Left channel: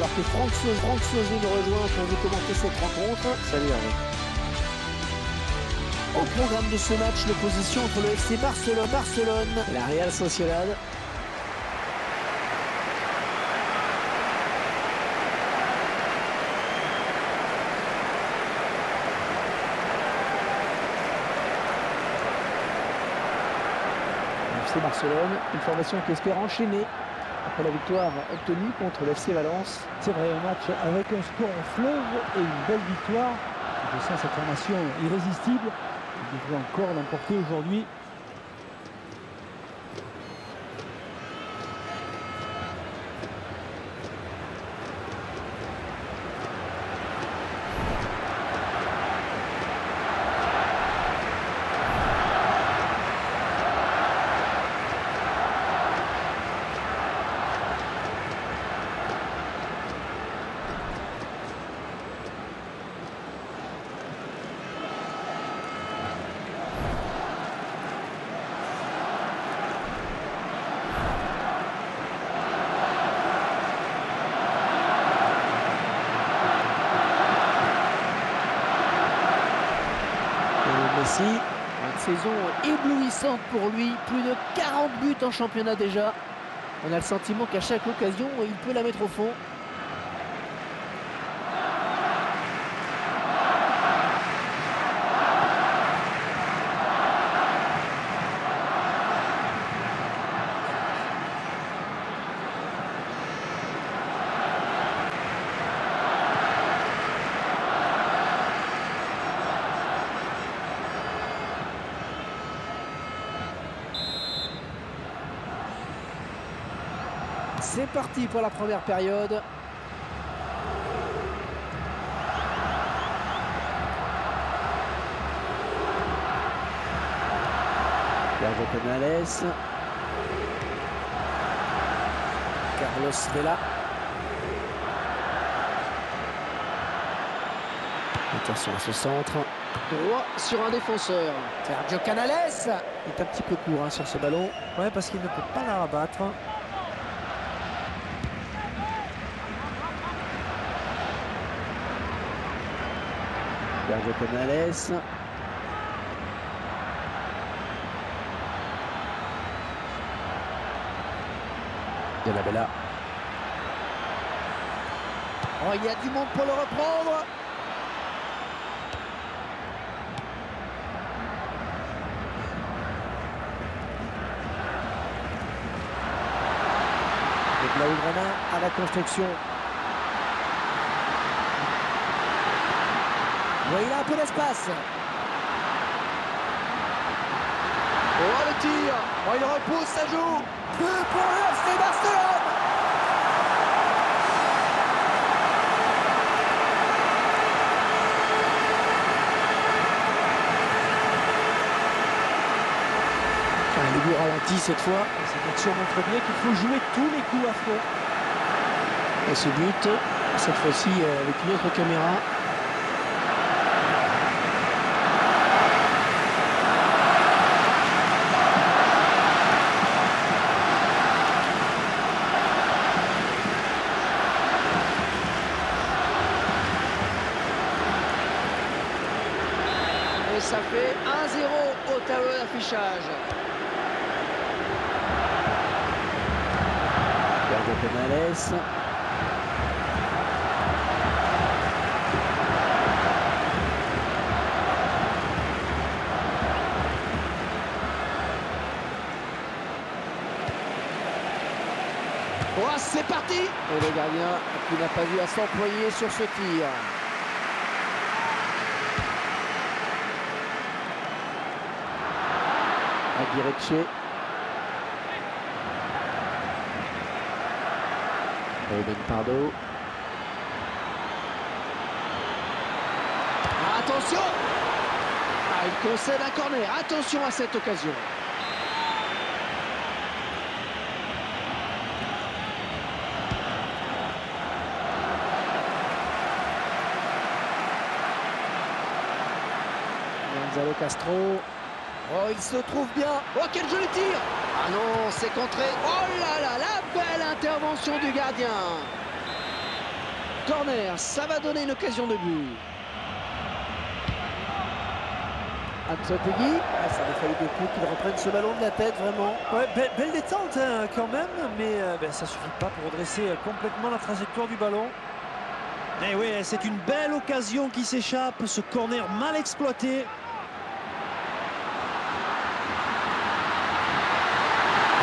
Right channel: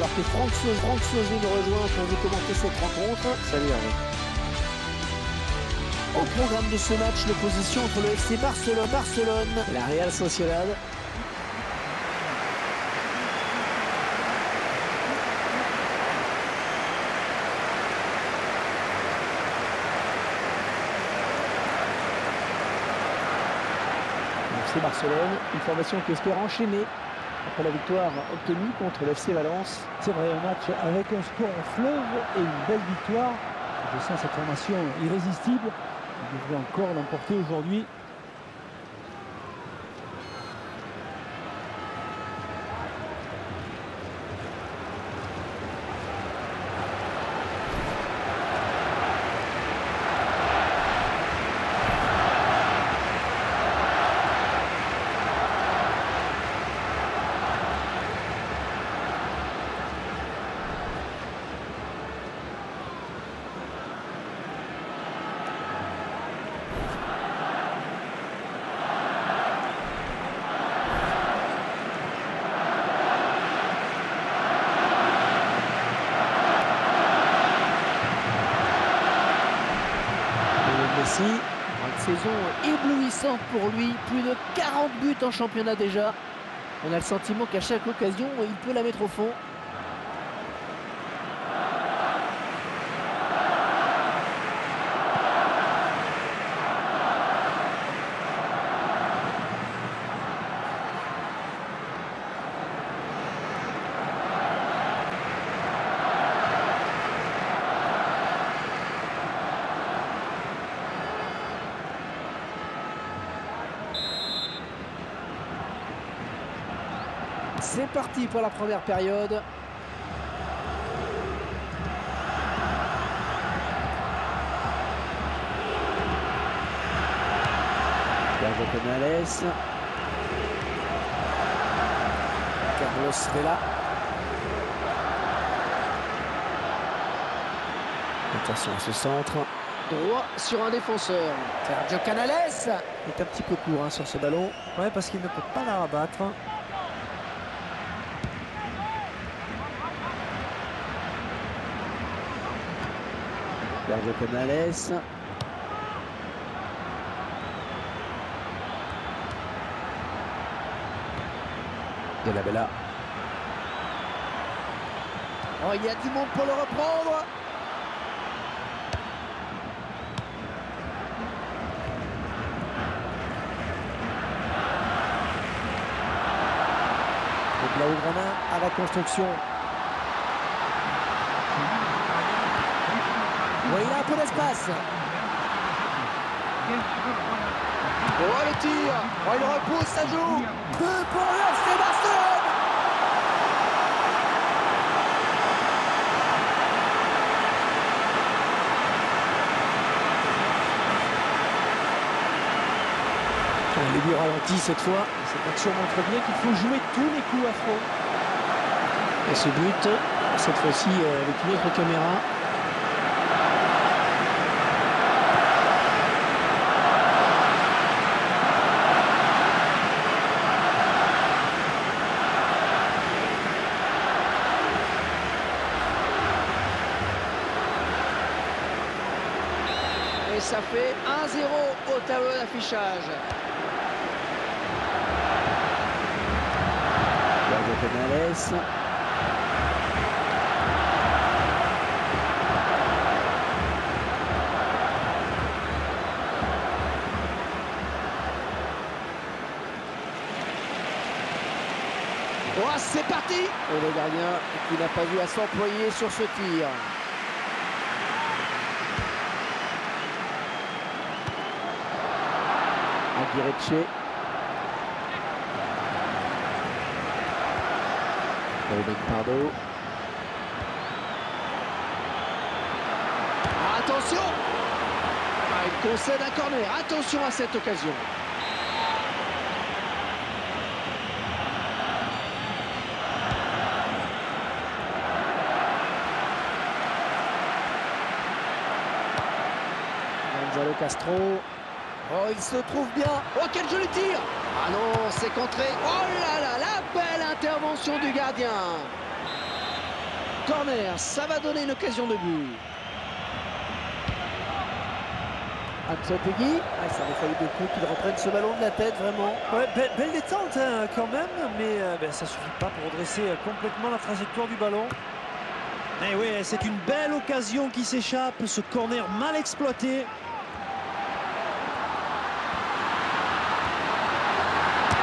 alors que Franck Sauzé nous rejoint pour vous commenter cette rencontre. Salut Hervé. Au programme de ce match, l'opposition entre le FC Barcelone et la Real Sociedad. Le FC Barcelone, une formation qui espère enchaîner après la victoire obtenue contre le FC Valence. C'est vrai, un match avec un score en fleuve et une belle victoire. Je sens cette formation irrésistible. Il devrait encore l'emporter aujourd'hui. Messi, une saison éblouissante pour lui, plus de 40 buts en championnat déjà. On a le sentiment qu'à chaque occasion, il peut la mettre au fond. C'est parti pour la première période. Sergio Canales. Carlos Vela. Attention à ce centre. Droit sur un défenseur. Sergio Canales est un petit peu court sur ce ballon. Ouais, parce qu'il ne peut pas la rabattre. Sergio Canales. De la Bella. Oh, il y a du monde pour le reprendre. Le Blaugrana à la construction. Oui, il a un peu d'espace. Oh, le tir. Oh, il repousse, ça joue. But pour le FC Barcelone. Le but ralenti cette fois. Cette action montre bien qu'il faut jouer tous les coups à fond. Et ce but, cette fois-ci avec une autre caméra. Et ça fait 1-0 au tableau d'affichage. Sergio Canales. Oh, c'est parti. Et le gardien qui n'a pas eu à s'employer sur ce tir. Aguirre. Ruben Pardo. Ah, attention. Il concède un corner. Attention à cette occasion. Gonzalo Castro. Oh, il se trouve bien. Oh, quel joli tir. Ah non, c'est contré. Oh là là, la belle intervention du gardien. corner, ça va donner une occasion de but. Ansotegui, ça avait fallu beaucoup qu'il reprenne ce ballon de la tête, vraiment. Ouais, belle détente hein, quand même, mais ça suffit pas pour redresser complètement la trajectoire du ballon. Et oui, c'est une belle occasion qui s'échappe, ce corner mal exploité.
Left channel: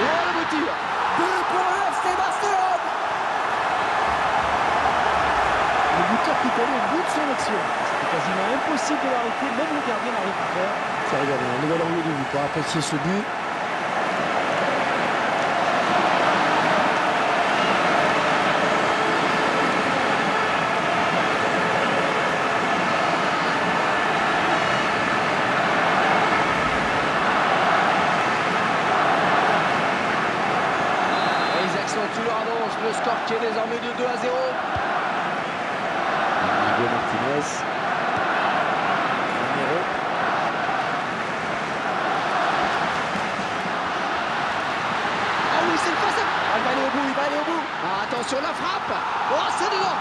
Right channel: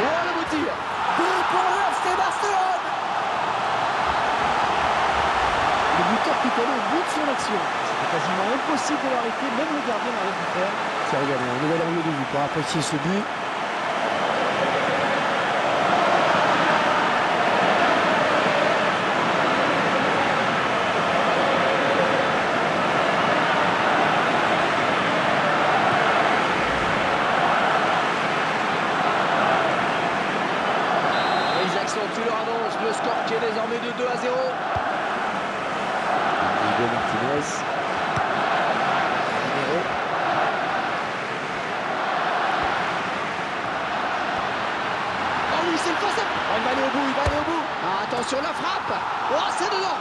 Oh, le beau tir! But pour le FC Barcelone! Le buteur qui est allé au bout de son action. C'était quasiment impossible de l'arrêter, même le gardien n'a rien pu faire. Tiens, regardez, un nouvel angle de vue pour apprécier ce but. Ils accentuent leur avance, le score qui est désormais de 2-0. Hugo Martinez. Numéro. Oh oui, c'est le face. Oh, il va aller au bout, il va aller au bout. Ah, attention, la frappe. Oh, c'est dedans.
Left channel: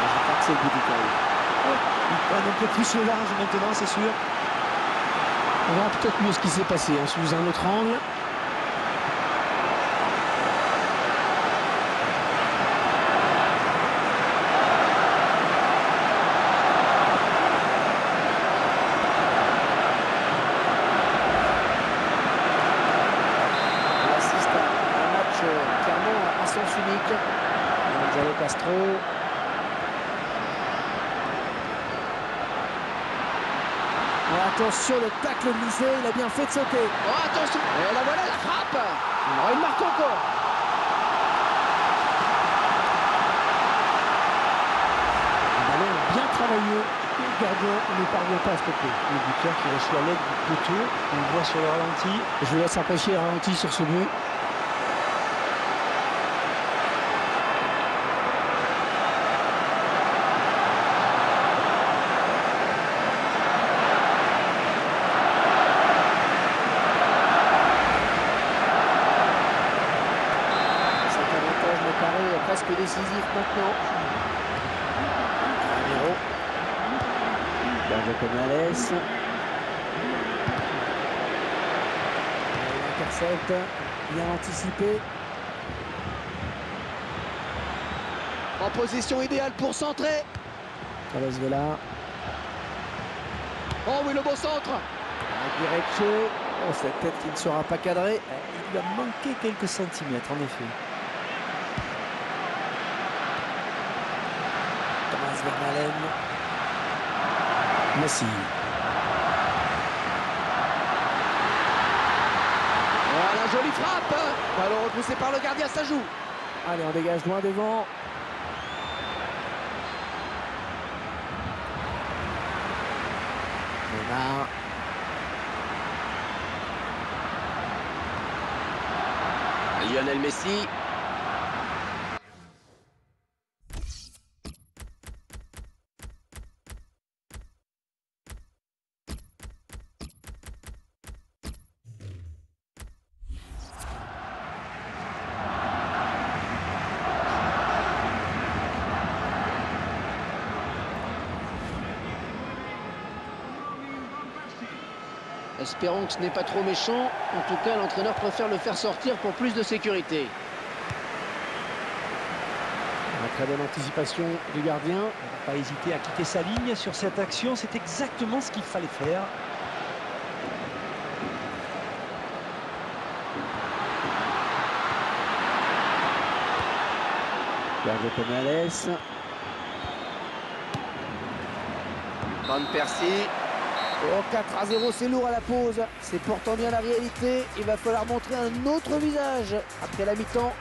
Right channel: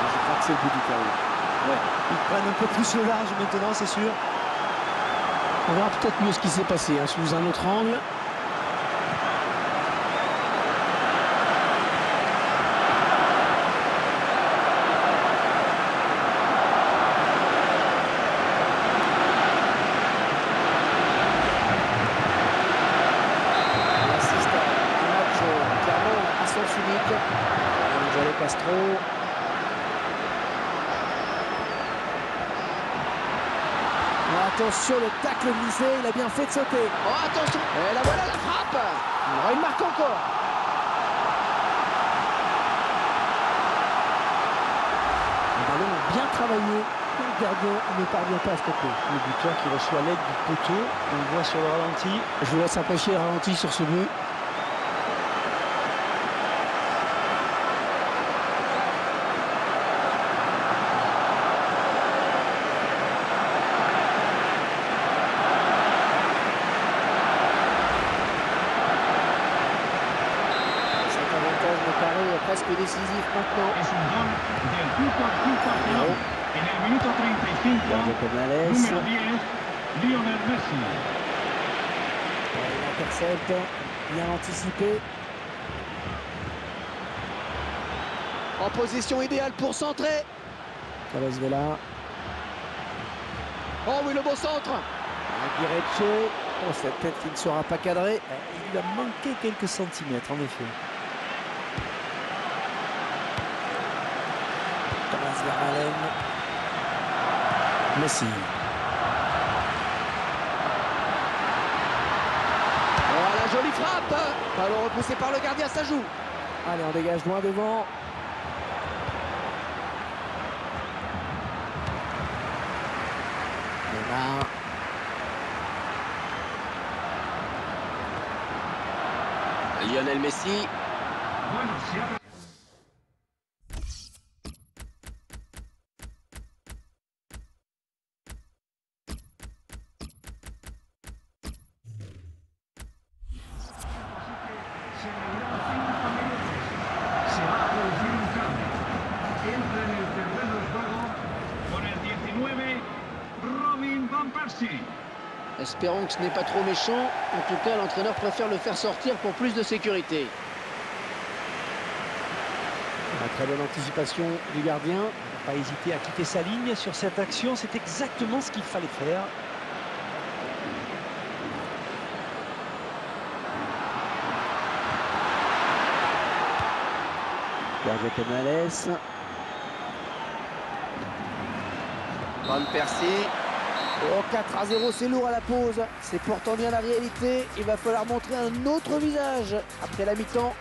Je crois que c'est le but du carré. Ouais, ils prennent un peu plus le large maintenant, c'est sûr. On verra peut-être mieux ce qui s'est passé hein, sous un autre angle. On assiste à un match clairement à sens unique. Gonzalo Castro. Oh, attention, le tacle glissé, il a bien fait de sauter. Oh, attention. Et là voilà la frappe. Alors il marque encore. Un ballon bien travaillé. Le gardien ne parvient pas à stopper. Le buteur qui reçoit l'aide du poteau, on le voit sur le ralenti. Je vous laisse apprécier le ralenti sur ce but. Carré presque décisif maintenant. Numéro. Canales. Il intercepte, bien anticipé. En position idéale pour centrer. Carlos Vela. Oh oui, le beau centre. Aguirre. Oh, cette tête qui ne sera pas cadrée. Il lui a manqué quelques centimètres, en effet. Thomas Vermaelen. Messi. Oh, la jolie frappe. Ballon repoussé par le gardien, ça joue. Allez, on dégage loin devant. Neymar. Lionel Messi. Espérons que ce n'est pas trop méchant. En tout cas, l'entraîneur préfère le faire sortir pour plus de sécurité. Une très bonne anticipation du gardien. Il n'a pas hésité à quitter sa ligne sur cette action. C'est exactement ce qu'il fallait faire. Sergio Canales. Van Persie. Oh, 4-0, c'est lourd à la pause. C'est pourtant bien la réalité. Il va falloir montrer un autre visage après la mi-temps.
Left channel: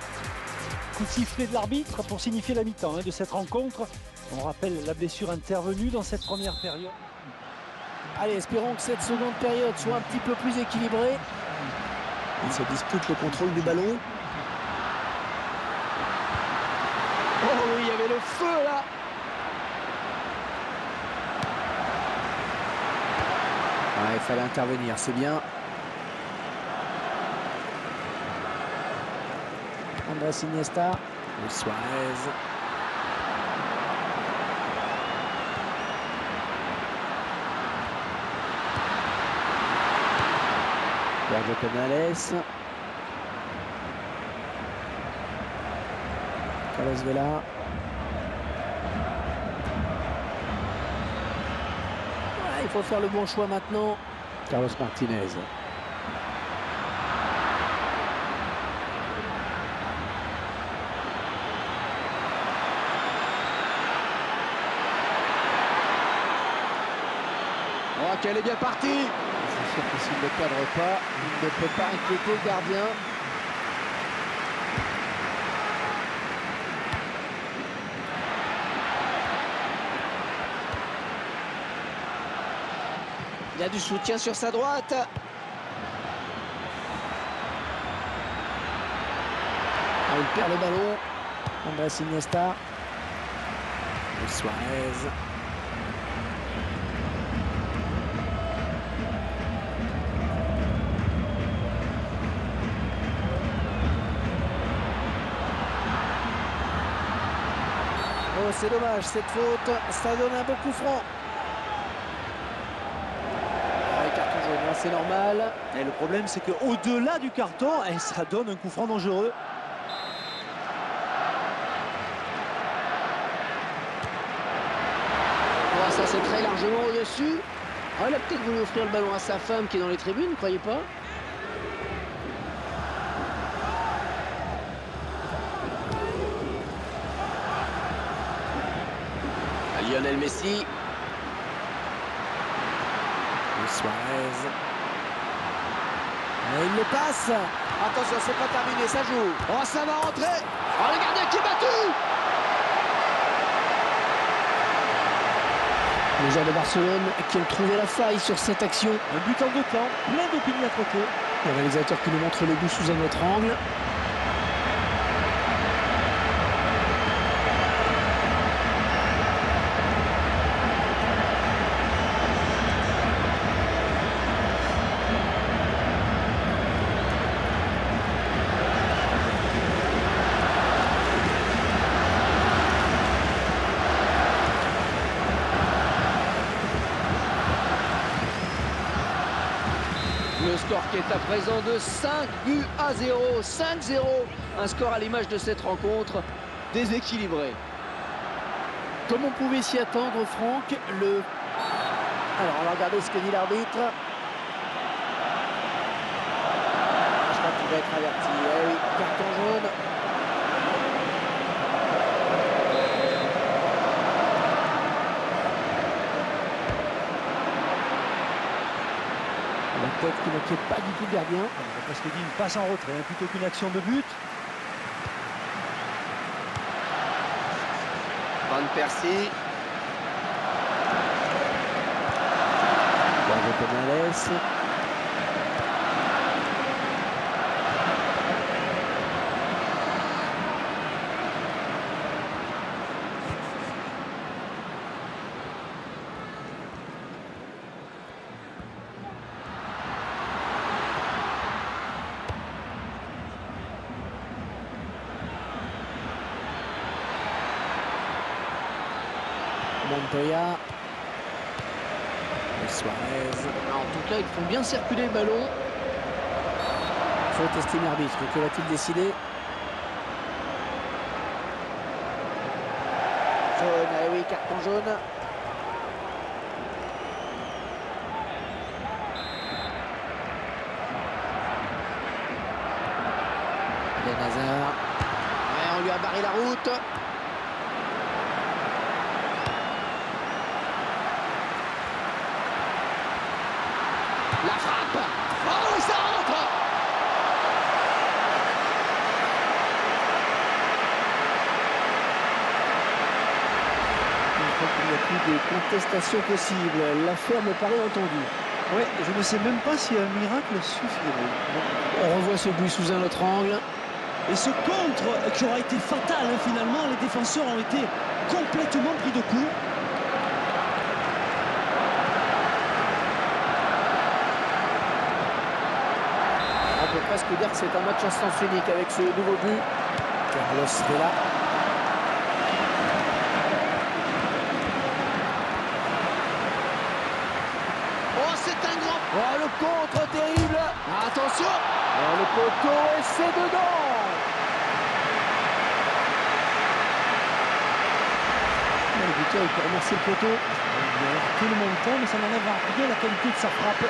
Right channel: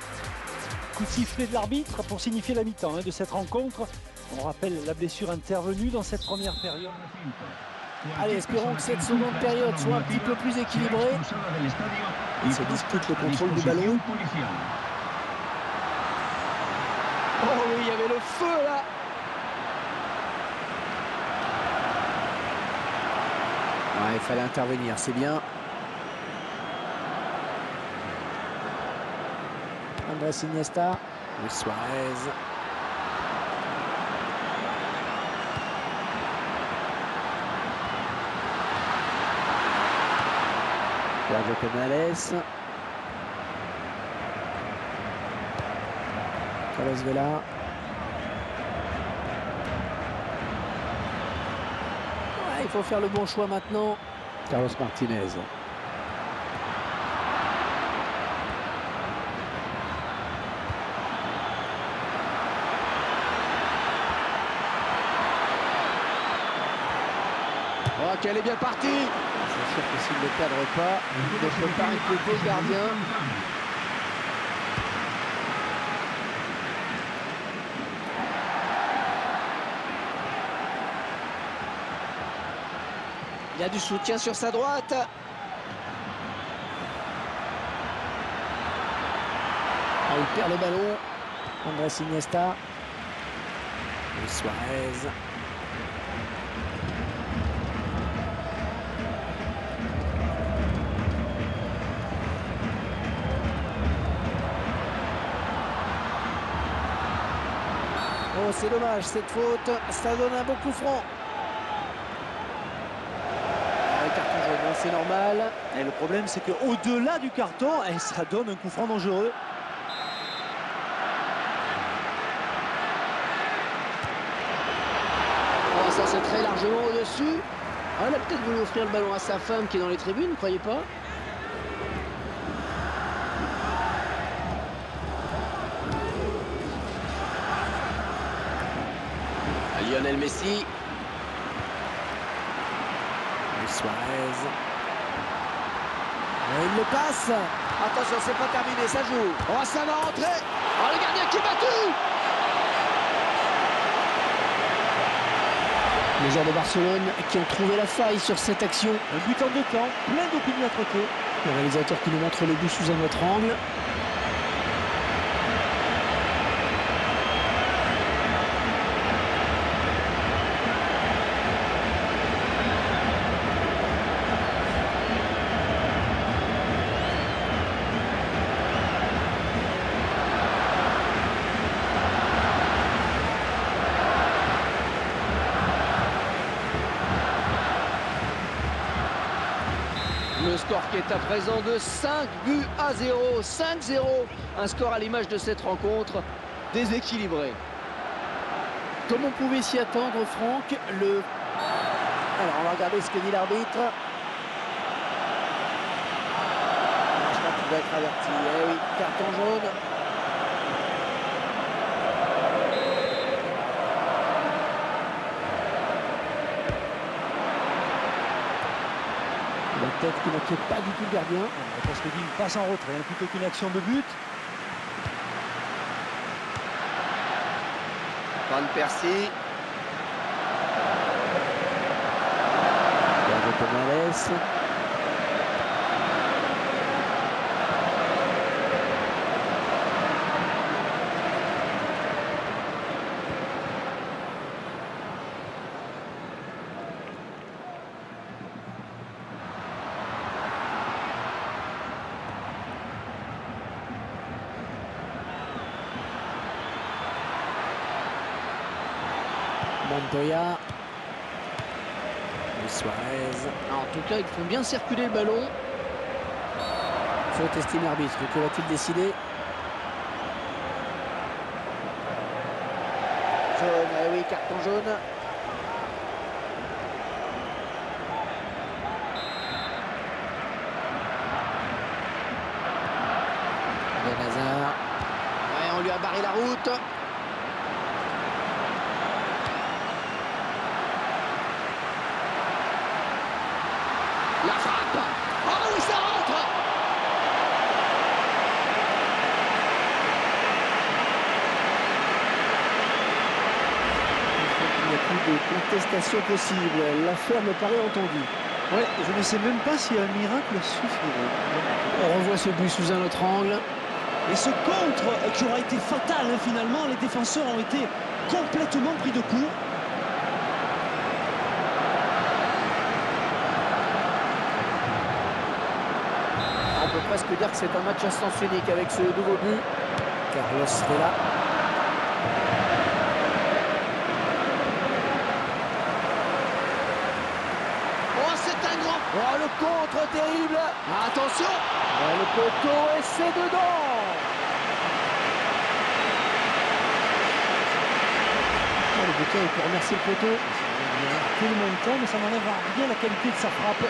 Coup de sifflet de l'arbitre pour signifier la mi-temps de cette rencontre. On rappelle la blessure intervenue dans cette première période. Allez, espérons que cette seconde période soit un petit peu plus équilibrée. Il se dispute le contrôle du ballon. Oh oui, il y avait le feu là. Ouais, il fallait intervenir, c'est bien. Andrés Iniesta. Luis Suarez. Sergio Canales. Carlos Vela. Ouais, il faut faire le bon choix maintenant. Carlos Martinez. Oh, qu'elle est bien partie. C'est sûr que s'il ne cadre pas, il ne peut pas inquiéter le gardien. Il y a du soutien sur sa droite. Ah, il perd le ballon. Andrés Iniesta. Luis Suarez. Oh, c'est dommage, cette faute, ça donne un beau coup franc. Ah, carton jaune, hein, c'est normal. Et le problème, c'est qu'au-delà du carton, ça donne un coup franc dangereux. Oh, ça, c'est très largement au-dessus. Ah, il a peut-être voulu offrir le ballon à sa femme qui est dans les tribunes, ne croyez pas? Lionel Messi. Luis Suarez. Et il le passe. Attention, c'est pas terminé, ça joue. Oh, ça va rentrer. Oh, le gardien qui est battu. Les joueurs de Barcelone qui ont trouvé la faille sur cette action. Un but en 2 temps, plein d'opiniâtreté. Le réalisateur qui nous montre le but sous un autre angle. Le score qui est à présent de 5-0. 5-0. Un score à l'image de cette rencontre déséquilibrée. Comme on pouvait s'y attendre, Franck, Alors, on va regarder ce que dit l'arbitre. Je crois qu'il va être averti. Eh oui, carton jaune. La tête qui n'inquiète pas du tout le gardien. On aurait presque dit une passe en retrait, hein, plutôt qu'une action de but. Van Persie. Sergio Canales. Montoya. Luis Suarez. En tout cas, ils font bien circuler le ballon. Faute, estime l'arbitre. Que va-t-il décider? Jaune, eh oui, carton jaune. Eden Hazard. Ouais, on lui a barré la route. La frappe. Oh oui, ça rentre. Je crois qu'il n'y a plus de contestation possible. L'affaire me paraît entendue. Ouais, je ne sais même pas si un miracle suffirait. On revoit ce but sous un autre angle. Et ce contre qui aura été fatal, hein, finalement, les défenseurs ont été complètement pris de court. On peut presque dire que c'est un match à sens unique avec ce nouveau but. Carlos Vela. Oh, c'est un grand... Oh, le contre terrible. Attention. Oh, le poteau et c'est dedans. Oh, le buteur, il peut remercier le poteau. Il a heurté le montant, mais ça n'enlève en rien la qualité de sa frappe.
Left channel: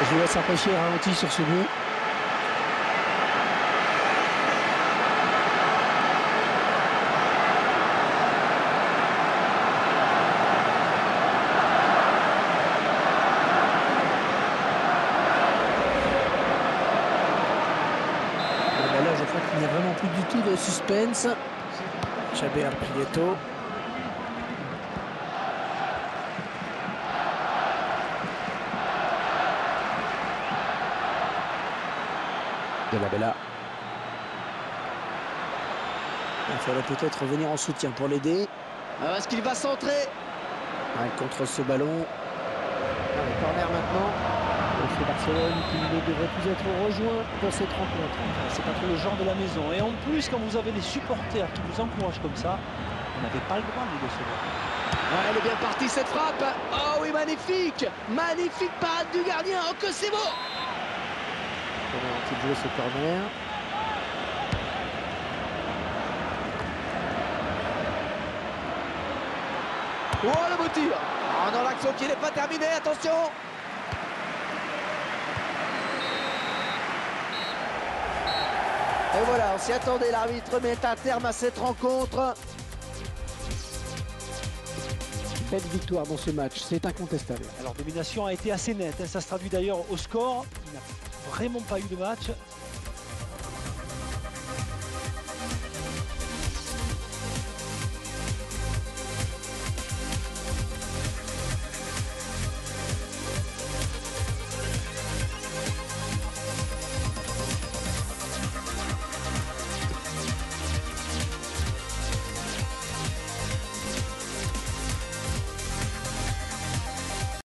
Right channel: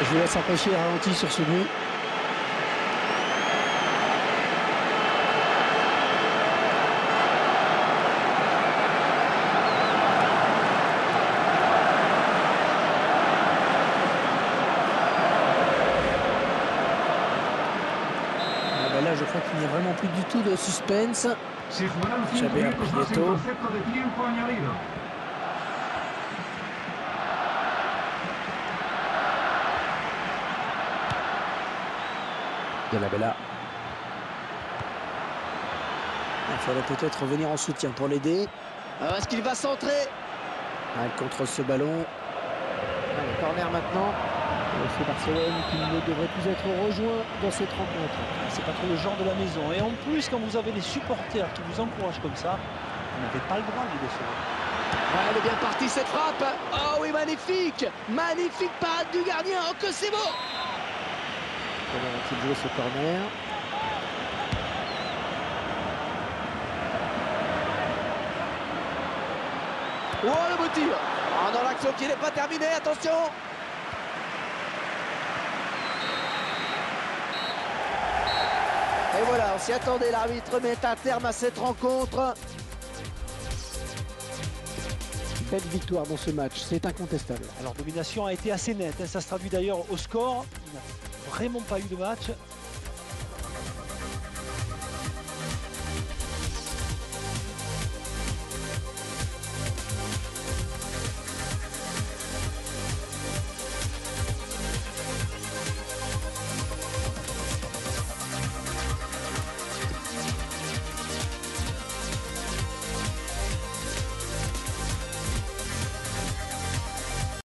Je vous laisse apprécier le ralenti sur ce but. Là, je crois qu'il n'y a vraiment plus du tout de suspense. Xavier Prieto. De la Bella. Il faudrait peut-être revenir en soutien pour l'aider. Est-ce qu'il va centrer? Elle contrôle ce ballon. Le corner maintenant. C'est Barcelone qui ne devrait plus être rejoint dans cette rencontre. C'est pas trop le genre de la maison. Et en plus, quand vous avez les supporters qui vous encouragent comme ça, vous n'avez pas le droit de les décevoir. Ouais, elle est bien partie cette frappe. Oh oui, magnifique. Magnifique parade du gardien. Oh que c'est beau. Comment vont-ils jouer ce corner? Oh le beau tir. Oh non, l'action qui n'est pas terminée. Attention. Et voilà, on s'y attendait, l'arbitre met un terme à cette rencontre. Belle victoire dans ce match, c'est incontestable. Alors, domination a été assez nette, hein. Ça se traduit d'ailleurs au score. Il n'a vraiment pas eu de match.